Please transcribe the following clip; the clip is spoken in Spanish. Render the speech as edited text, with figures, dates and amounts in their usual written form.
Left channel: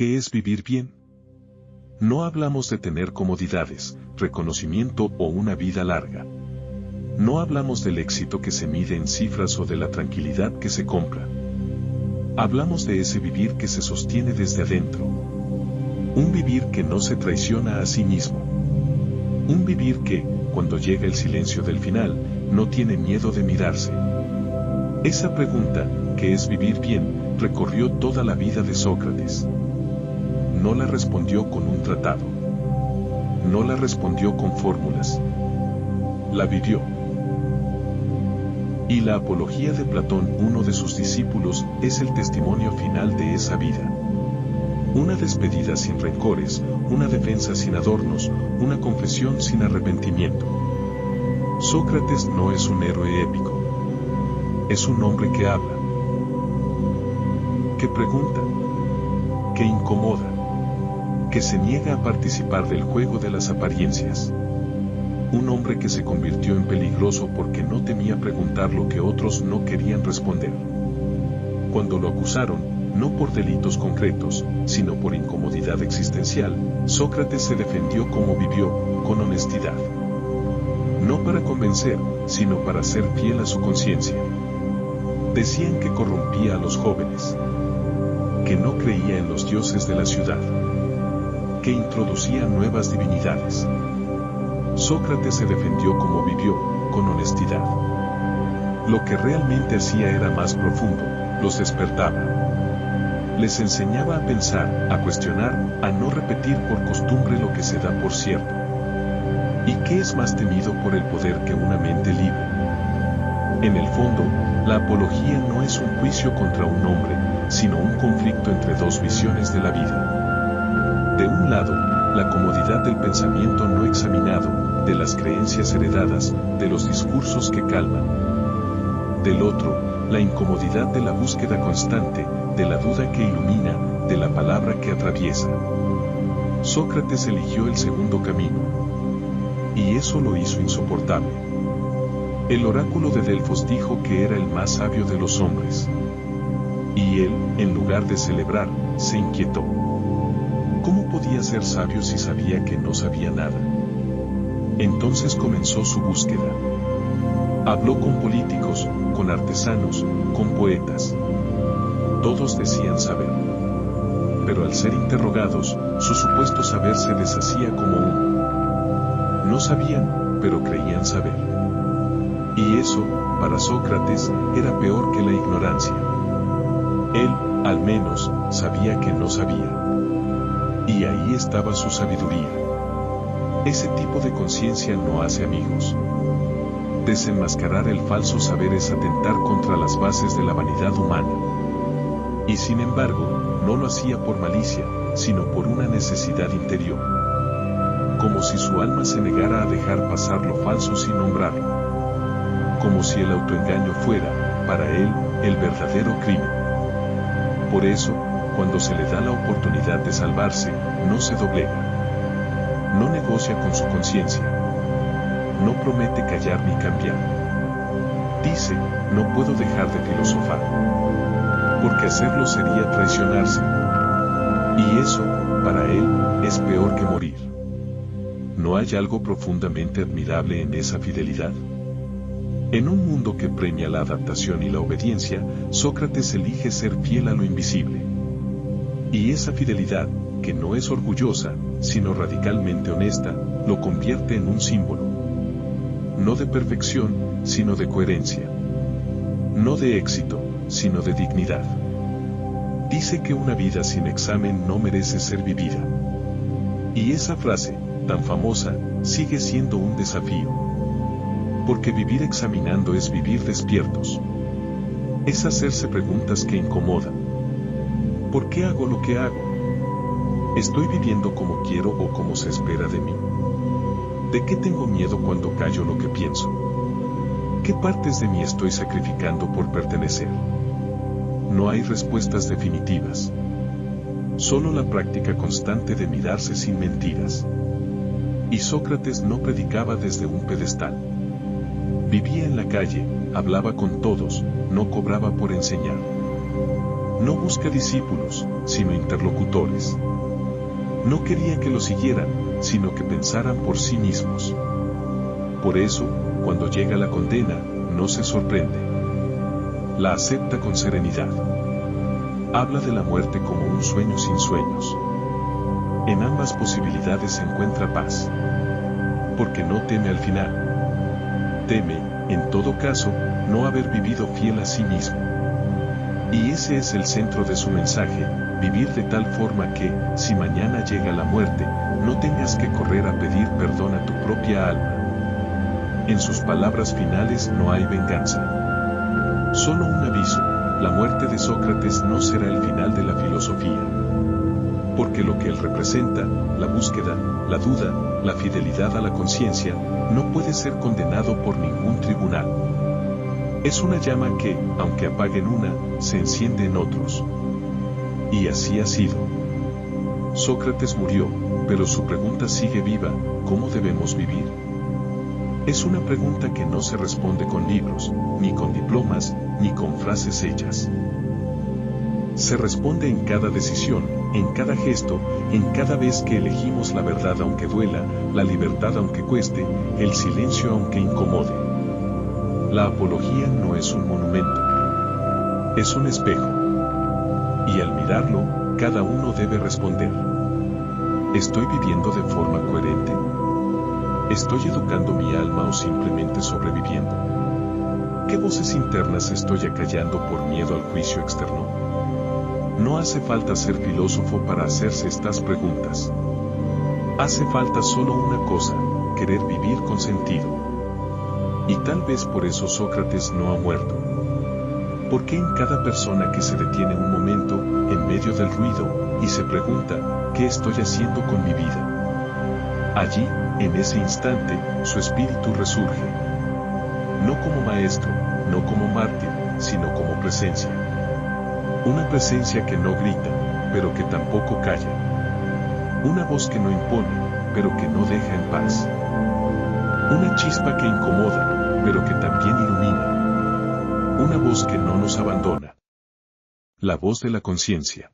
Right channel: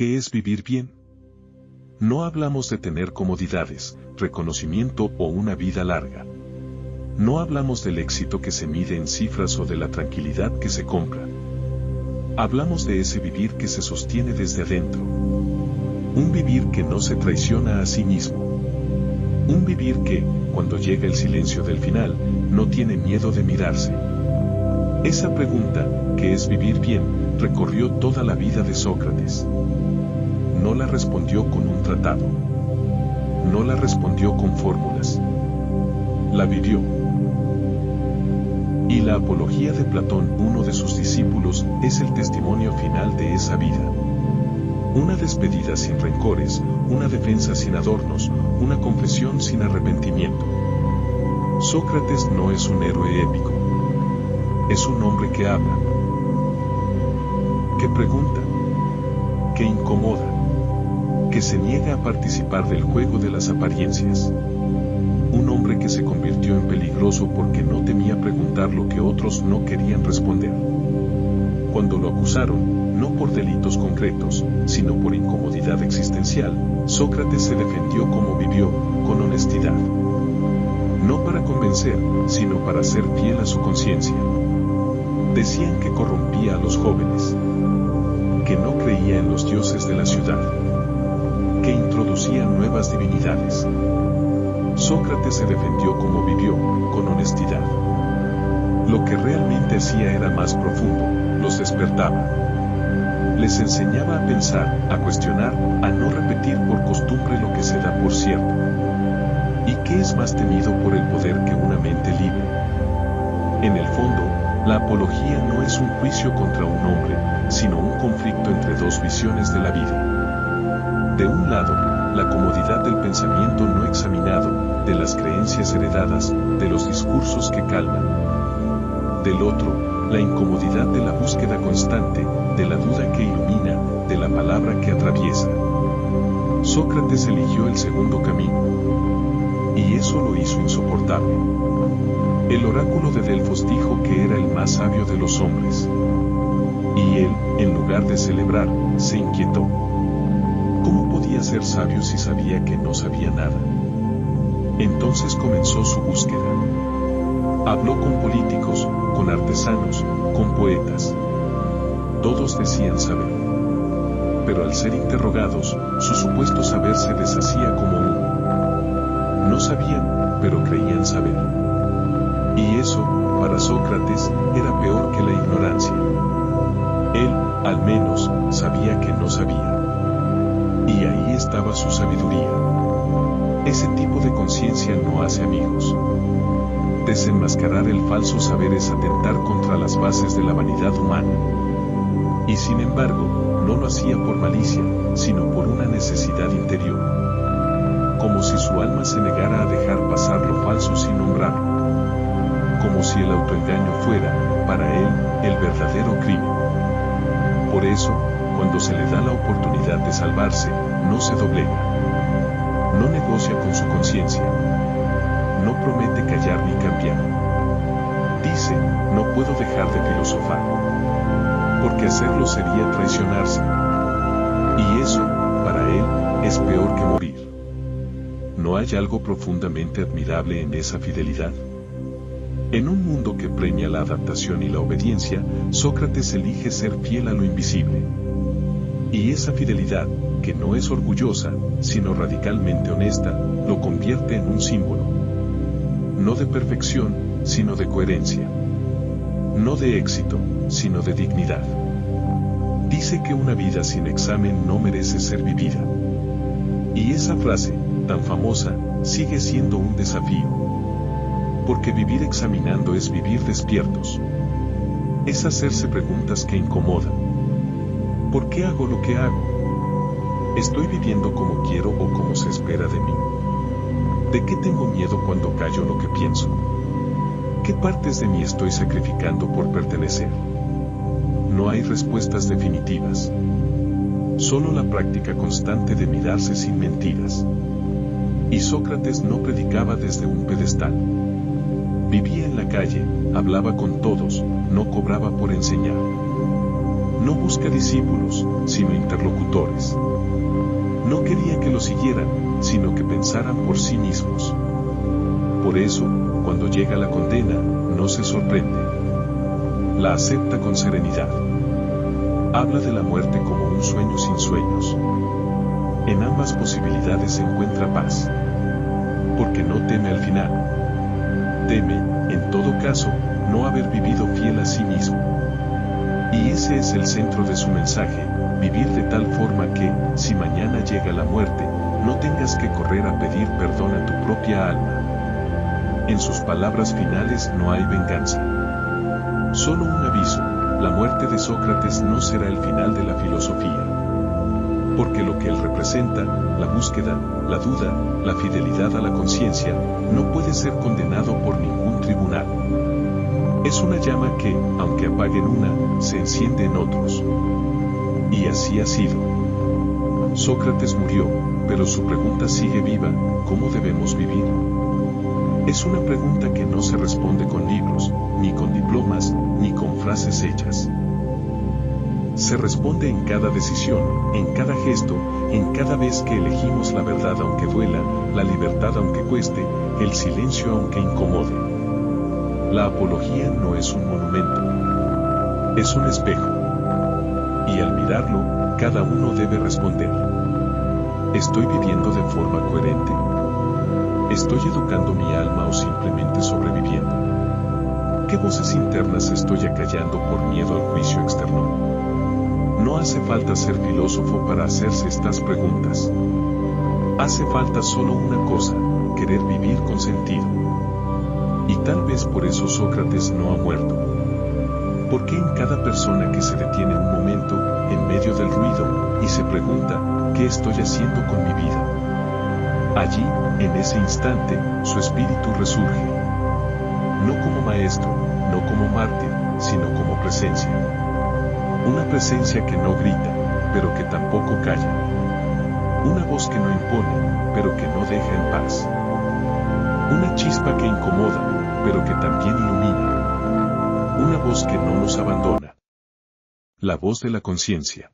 ¿Qué es vivir bien? No hablamos de tener comodidades, reconocimiento o una vida larga. No hablamos del éxito que se mide en cifras o de la tranquilidad que se compra. Hablamos de ese vivir que se sostiene desde adentro. Un vivir que no se traiciona a sí mismo. Un vivir que, cuando llega el silencio del final, no tiene miedo de mirarse. Esa pregunta, ¿qué es vivir bien?, recorrió toda la vida de Sócrates. No la respondió con un tratado. No la respondió con fórmulas. La vivió. Y la Apología de Platón, uno de sus discípulos, es el testimonio final de esa vida. Una despedida sin rencores, una defensa sin adornos, una confesión sin arrepentimiento. Sócrates no es un héroe épico. Es un hombre que habla, que pregunta, que incomoda, que se niega a participar del juego de las apariencias. Un hombre que se convirtió en peligroso porque no temía preguntar lo que otros no querían responder. Cuando lo acusaron, no por delitos concretos, sino por incomodidad existencial, Sócrates se defendió como vivió, con honestidad. No para convencer, sino para ser fiel a su conciencia. Decían que corrompía a los jóvenes, que no creía en los dioses de la ciudad, que introducía nuevas divinidades. Sócrates se defendió como vivió, con honestidad. Lo que realmente hacía era más profundo, los despertaba. Les enseñaba a pensar, a cuestionar, a no repetir por costumbre lo que se da por cierto. ¿Y qué es más temido por el poder que una mente libre? En el fondo, la apología no es un juicio contra un hombre, sino un conflicto entre dos visiones de la vida. De un lado, la comodidad del pensamiento no examinado, de las creencias heredadas, de los discursos que calman. Del otro, la incomodidad de la búsqueda constante, de la duda que ilumina, de la palabra que atraviesa. Sócrates eligió el segundo camino. Y eso lo hizo insoportable. El oráculo de Delfos dijo que era el más sabio de los hombres. Y él, en lugar de celebrar, se inquietó. ¿Cómo podía ser sabio si sabía que no sabía nada? Entonces comenzó su búsqueda. Habló con políticos, con artesanos, con poetas. Todos decían saber. Pero al ser interrogados, su supuesto saber se deshacía como humo. No sabían, pero creían saber. Y eso, para Sócrates, era peor que la ignorancia. Él, al menos, sabía que no sabía. Y ahí estaba su sabiduría. Ese tipo de conciencia no hace amigos. Desenmascarar el falso saber es atentar contra las bases de la vanidad humana. Y sin embargo, no lo hacía por malicia, sino por una necesidad interior. Como si su alma se negara a dejar pasar lo falso sin nombrarlo. Como si el autoengaño fuera, para él, el verdadero crimen. Por eso, cuando se le da la oportunidad de salvarse, no se doblega. No negocia con su conciencia. No promete callar ni cambiar. Dice, no puedo dejar de filosofar. Porque hacerlo sería traicionarse. Y eso, para él, es peor que morir. ¿No hay algo profundamente admirable en esa fidelidad? En un mundo que premia la adaptación y la obediencia, Sócrates elige ser fiel a lo invisible. Y esa fidelidad, que no es orgullosa, sino radicalmente honesta, lo convierte en un símbolo. No de perfección, sino de coherencia. No de éxito, sino de dignidad. Dice que una vida sin examen no merece ser vivida. Y esa frase, tan famosa, sigue siendo un desafío. Porque vivir examinando es vivir despiertos. Es hacerse preguntas que incomodan. ¿Por qué hago lo que hago? ¿Estoy viviendo como quiero o como se espera de mí? ¿De qué tengo miedo cuando callo lo que pienso? ¿Qué partes de mí estoy sacrificando por pertenecer? No hay respuestas definitivas. Solo la práctica constante de mirarse sin mentiras. Y Sócrates no predicaba desde un pedestal. Vivía en la calle, hablaba con todos, no cobraba por enseñar. No busca discípulos, sino interlocutores. No quería que lo siguieran, sino que pensaran por sí mismos. Por eso, cuando llega la condena, no se sorprende. La acepta con serenidad. Habla de la muerte como un sueño sin sueños. En ambas posibilidades se encuentra paz. Porque no teme al final. Teme, en todo caso, no haber vivido fiel a sí mismo. Y ese es el centro de su mensaje, vivir de tal forma que, si mañana llega la muerte, no tengas que correr a pedir perdón a tu propia alma. En sus palabras finales no hay venganza. Solo un aviso, la muerte de Sócrates no será el final de la filosofía. Porque lo que él representa, la búsqueda, la duda, la fidelidad a la conciencia, no puede ser condenado por ningún tribunal. Es una llama que, aunque apague en una, se enciende en otros. Y así ha sido. Sócrates murió, pero su pregunta sigue viva, ¿cómo debemos vivir? Es una pregunta que no se responde con libros, ni con diplomas, ni con frases hechas. Se responde en cada decisión, en cada gesto, en cada vez que elegimos la verdad aunque duela, la libertad aunque cueste, el silencio aunque incomode. La apología no es un monumento. Es un espejo. Y al mirarlo, cada uno debe responder. ¿Estoy viviendo de forma coherente? ¿Estoy educando mi alma o simplemente sobreviviendo? ¿Qué voces internas estoy acallando por miedo al juicio externo? No hace falta ser filósofo para hacerse estas preguntas. Hace falta solo una cosa, querer vivir con sentido. Y tal vez por eso Sócrates no ha muerto. Porque en cada persona que se detiene un momento, en medio del ruido, y se pregunta, ¿qué estoy haciendo con mi vida? Allí, en ese instante, su espíritu resurge. No como maestro, no como mártir, sino como presencia. Una presencia que no grita, pero que tampoco calla. Una voz que no impone, pero que no deja en paz. Una chispa que incomoda, pero que también ilumina. Una voz que no nos abandona. La voz de la conciencia.